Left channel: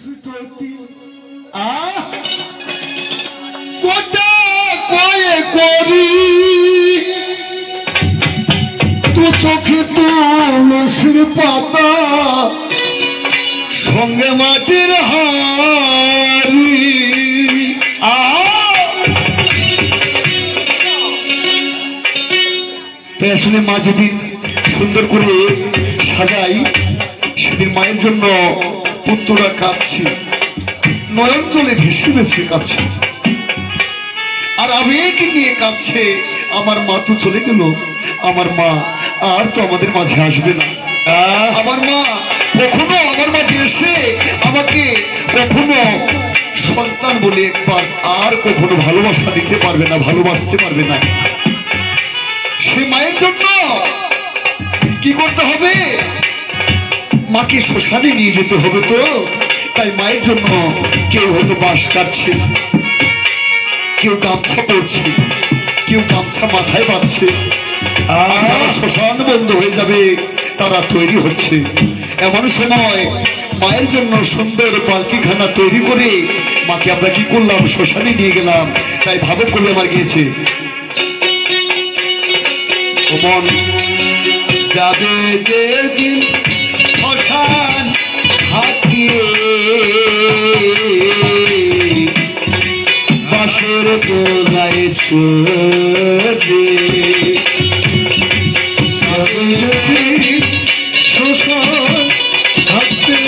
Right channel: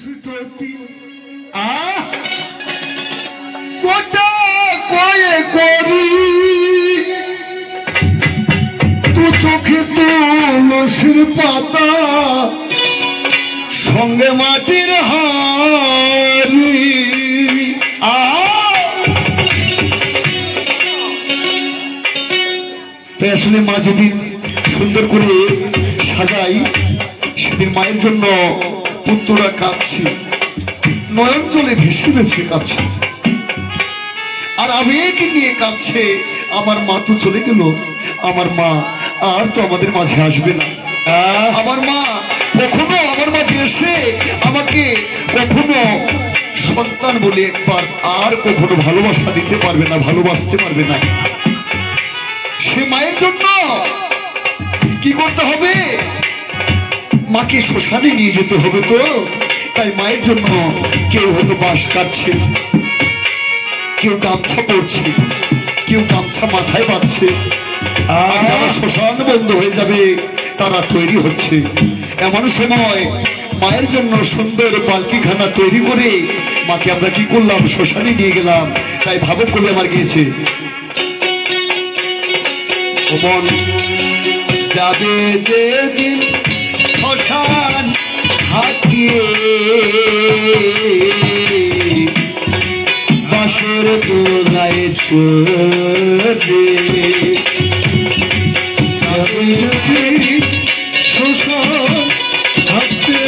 মুষ্টতি কোটা কয়ে করি তু চোখে তুলসীর পাতা সঙ্গে মাটির হাড়ি তাই আসলে মা যেদিন সুন্দর করে সাজাই সেদিন মায়ের জন্য পুত্ররা কাঁদছে, নয়ন জলে ভেসে ভেসে কাঁদছে আর আবেগ নিয়ে কাঁদছে। আমার মা তো চলে গেল, আমার মা আর তো আমাদের মাঝে আসবে না। আমার মা কখনো আমার মাঝে এসে আমাকে কখনো সন্তান বলে একবার আর কখনো ভালোবাসা দিতে পারবে না, ভালোবাসতে পারবে না। সে মায়ের জন্য কি করতে হবে? মাকে শ্মশানে নিয়ে যেতে হবে। তো তাই মায়ের জন্য কেউ হয়তো বাঁশ কাটছে, কেউ গামছা পরছে, কেউ গামছা মাথায় বাঁধছে, আর যারা শ্মশান বন্ধ হয়ে যাবে তারা তৈরি হচ্ছে। এমন সময় মায়ের জন্য সুন্দর পালকিখানা তৈরি করে মাকে আমরা কি করলাম? শ্মশানে নিয়ে গেলাম। তাই ভাবক কবি আমার গিয়েছে, ও মন যাবে যেদিন শ্মশান হাটিয়ে বাঁশের দোলায় চলে শ্মশান হাটে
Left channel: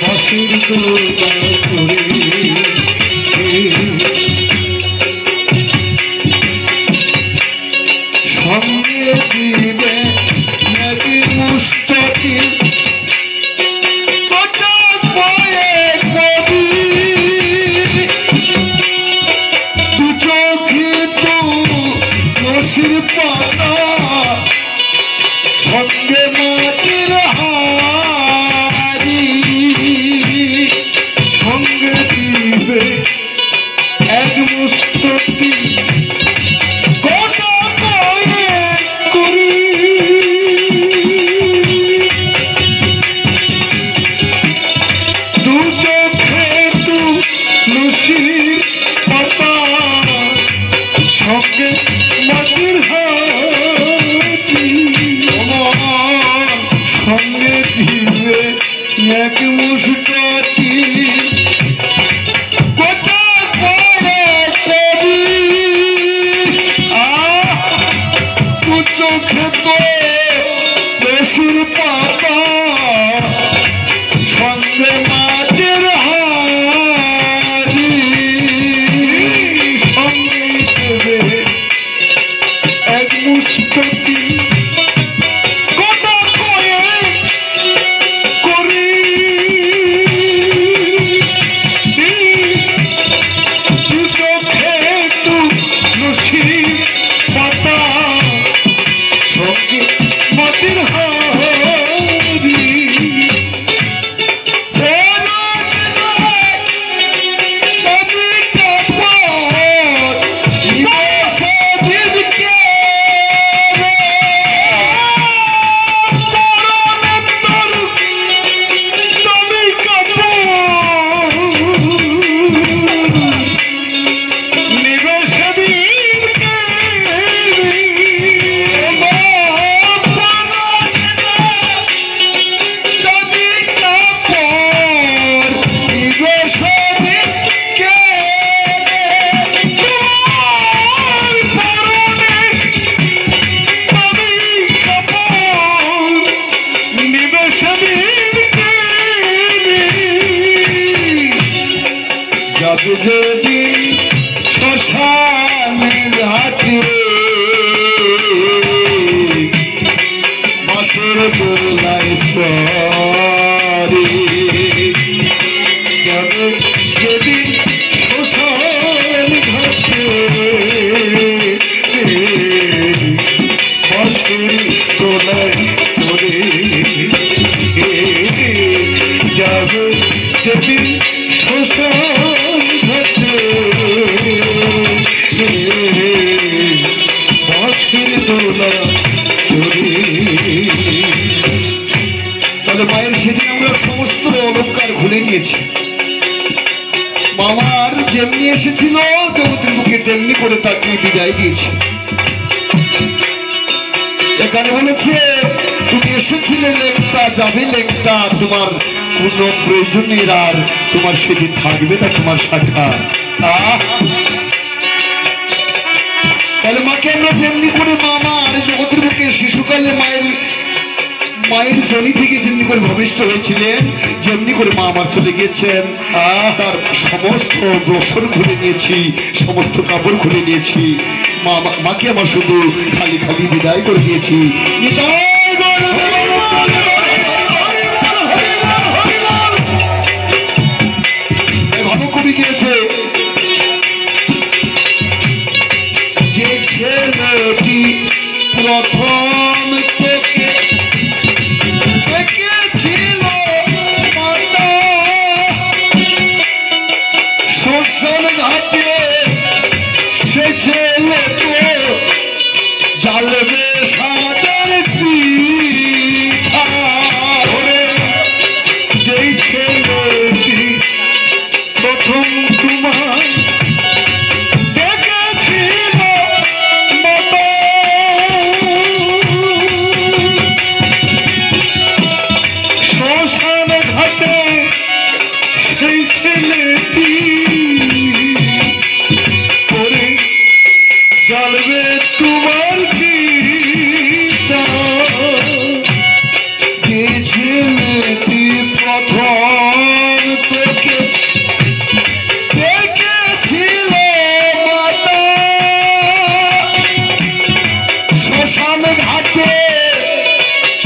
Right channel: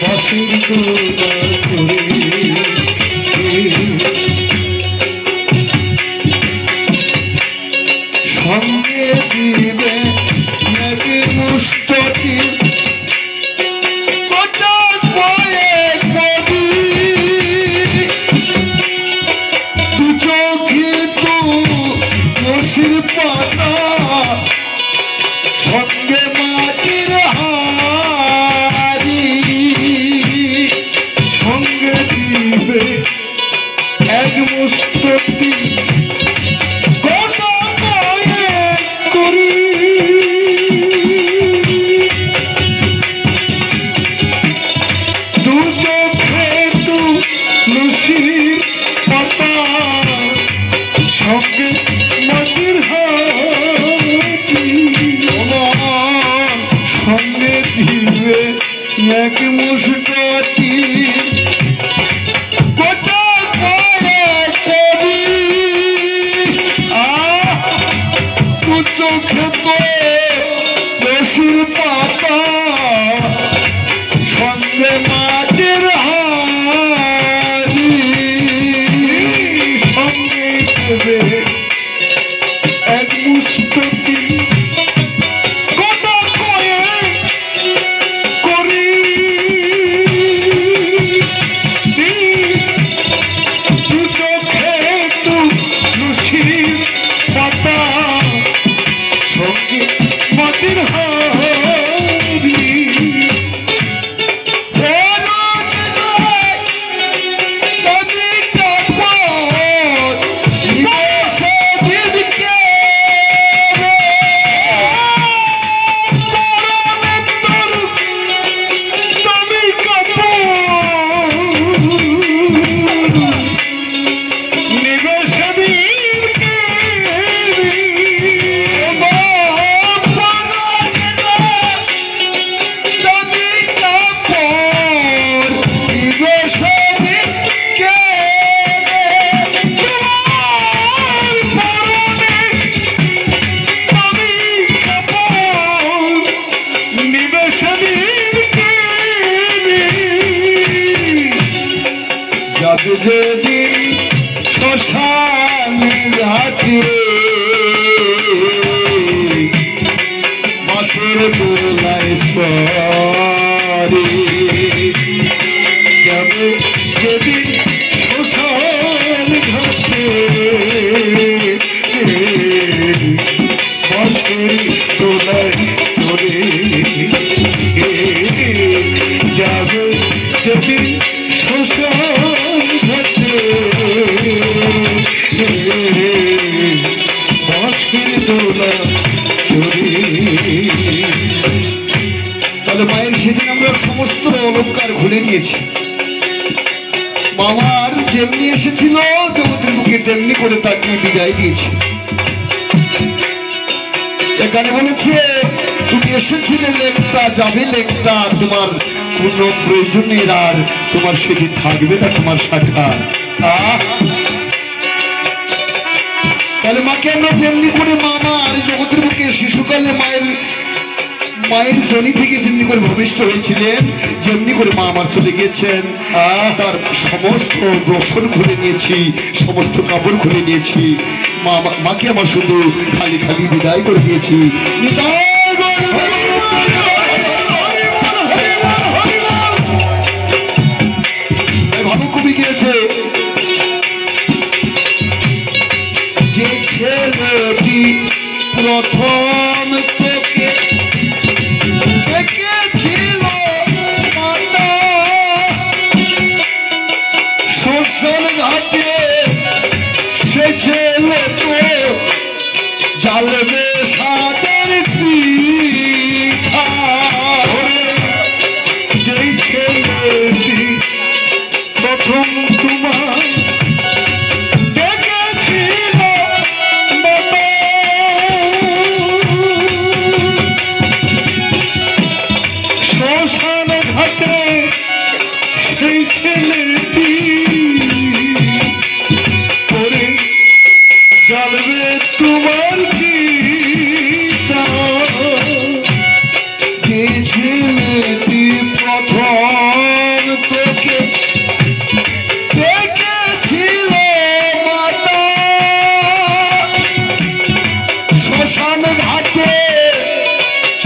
বাঁশের দোলায় চলে সঙ্গে দিবে নাকি মুষ্টতি কোটা কয়ে কবি দু চোখে তুলসীর পাতা সঙ্গে মাটির হাড়ি সঙ্গে দিবে এক মুষ্টতি সঙ্গে দিবে এক মুষ্টতি কোটা কয়ে কবি তু চোখে তুলসীর পাতা সঙ্গে মাটির হাড়ি সঙ্গে দেবে এক মুষ্টতি যেদিন শ্মশান ঘাটে বাঁশের দোলায় চড়ে যাবে যেদিন শ্মশান ঘাটে বাঁশের দোলায় চড়ে যাবে যেদিন শ্মশান বাঁশের দোলা চড়ে তাহলে মায়ের সেদিন আমরা সমস্ত অলঙ্কার খুলে নিয়েছি। মামার যেমনি এসেছিল জগতের বুকে তেমনি করে তাকে বিদায় দিয়েছি। এখানে বলেছে তুমি এসেছিলে লেখটা যাবে লেখটা, তোমার কোন প্রয়োজনের আর তোমার সেদিন থাকবে না তোমার শাখা। তাহলে মাকে আমরা যেমনি করে মামার জগতের বুকে শিশুকালে মায়ের জনি থেকে যেমনি করে ভূমিষ্ঠ হয়েছিলেন, যেমনি করে মা আমার চলে গিয়েছেন, তার সমস্ত বস্ত্র খুলে নিয়েছি, সমস্ত কাপড় খুলে নিয়েছি। মাকে আমার শুধু খালি খালি বিদায় করে দিয়েছি। ভালো কবি গিয়েছে, যে ছেলেটি প্রথম তোকে দেখেছিল মাতা শ্মশান ঘাটে, সে ছেলে তো জ্বালবে সাদের চিঠা। যেই ছেলেটি প্রথম তোমার দেখেছিল মাতা শ্মশান ঘাটে, সেই ছেলেটি করে জ্বালবে তোমার চিতা। যে ছেলেটি প্রথম তোকে দেখেছিল মাতা শ্মশান ঘাটে,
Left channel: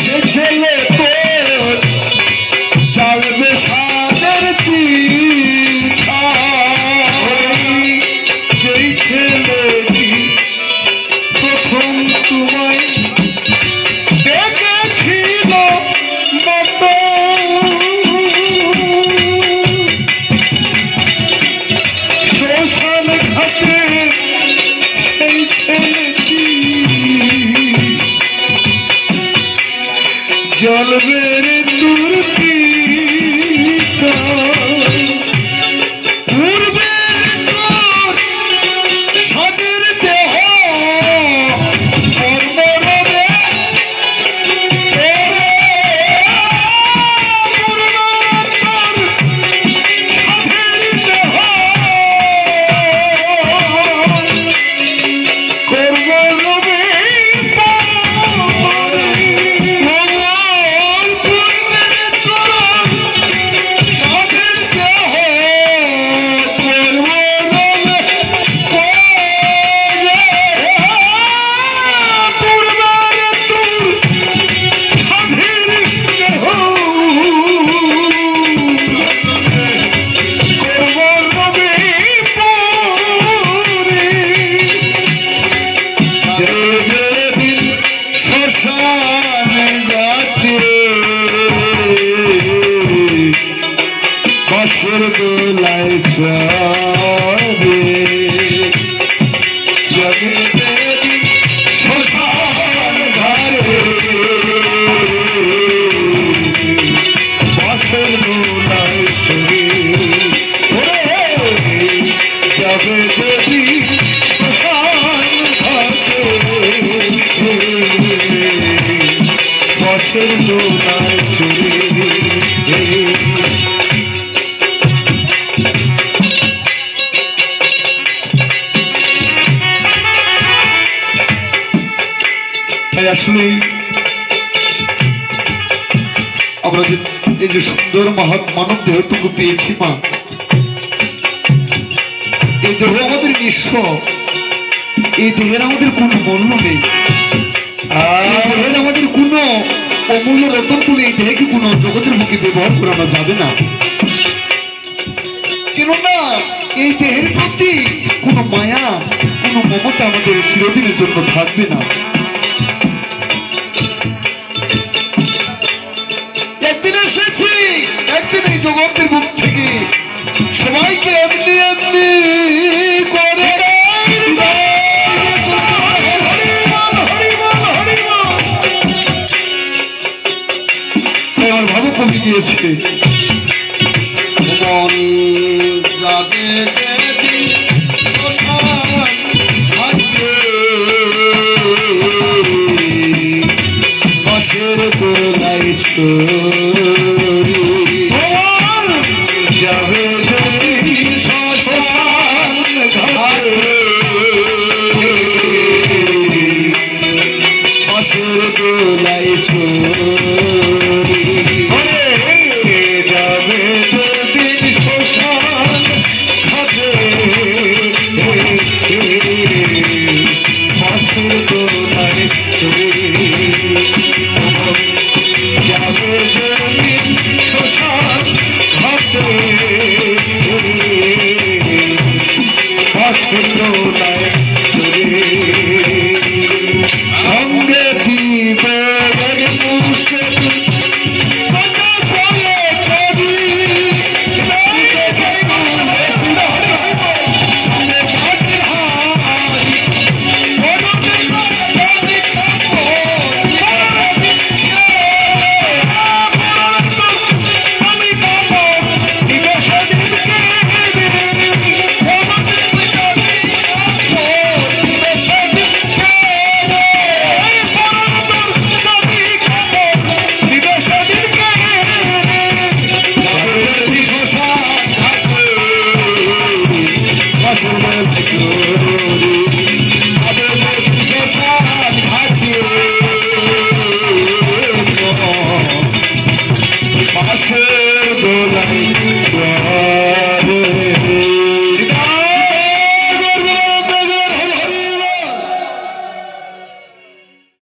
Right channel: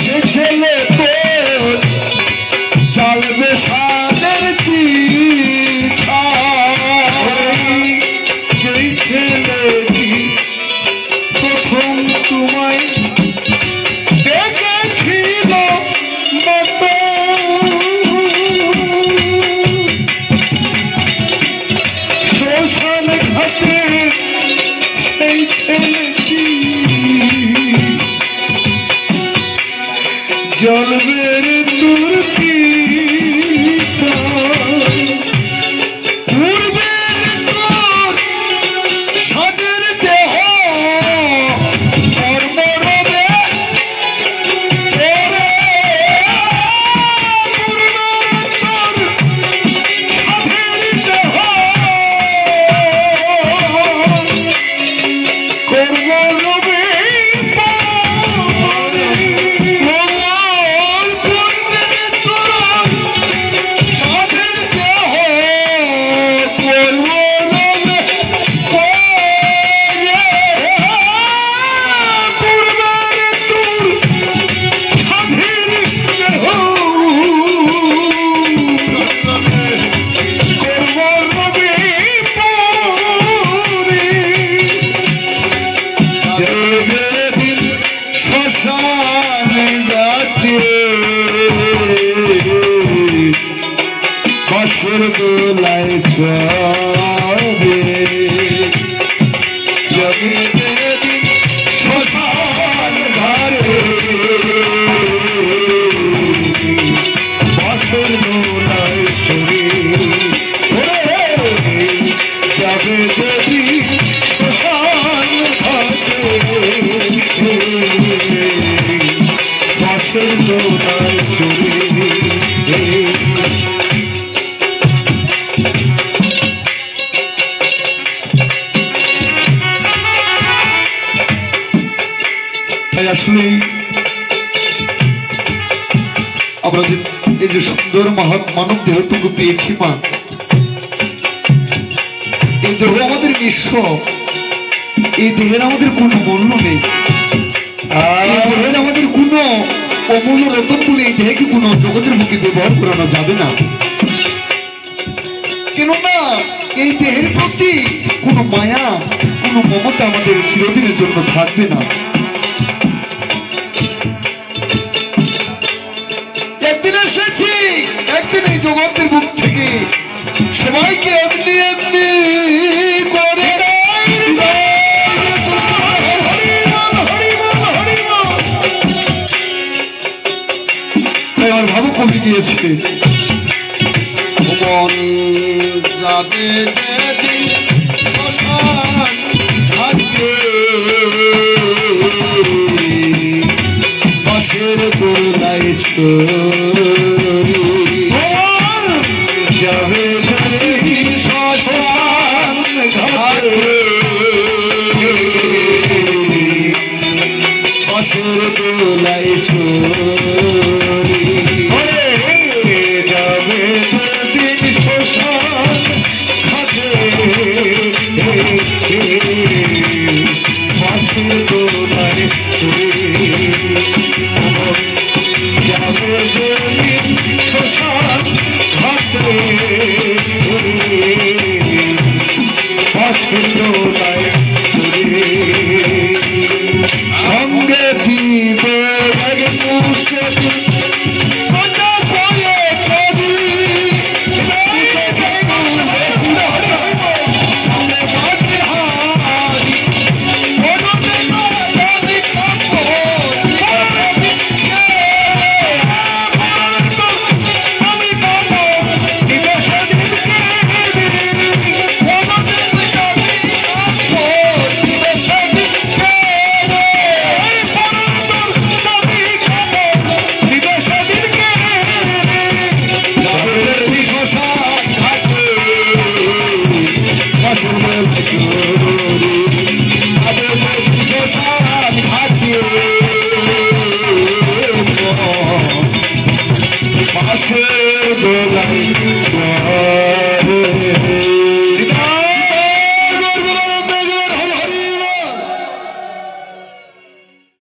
সে ছেলে তো জ্বালবে সাদের চিঠা। যেই ছেলেটি প্রথম তোমায় দেখেছিল মাতা শ্মশান ঘাটে, সেই ছেলেটি জ্বলবে দূর চিতা। পূর্বের তোর সাদের দেহ কর্মরবে, বাঁশের দোলায় চড়ে জগতের শ্মশান ঘরে, বাঁশের দোলায় চড়ে জগতের শ্মশান ঘরে, বাঁশের দোলায় চড়ে। তাই আসলেই আমরা যে এই যে সুন্দর মানব দেহটুকু পেয়েছি মা, এই দেহ আমাদের নিঃস্ব, এই দেহের আমাদের কোনো মূল্য নেই, এই দেহের আমাদের কোনো অমূল্য রতন বলে এই দেহকে কোনো জগতের মুখে ব্যবহার করানো যাবে না। কেননা এই দেহের প্রতি কোনো মায়া, কোনো মমতা আমাদের চিরদিনের জন্য থাকবে না। একদিন এসেছি, একদিন এই জগতের বুক থেকে সবাইকে এমনি এমনি করে তাই আমার ভাবুক কবি গিয়েছে ভুবন যাবে যেদিন শ্মশান ঘাটে বাঁশের দোলায় ছড়ি যাবে যেদিন শ্মশান ঘাটে বাঁশের দোলায় ছড়ি যাবে যেদিন শ্মশান ঘাটে বাঁশের দোলায় ছড়ি যাবে যেদিন শ্মশান ঘাটে বাঁশের দোলায় ছড়ি সঙ্গে দিবে মুস্তি বাঁশের দোলায়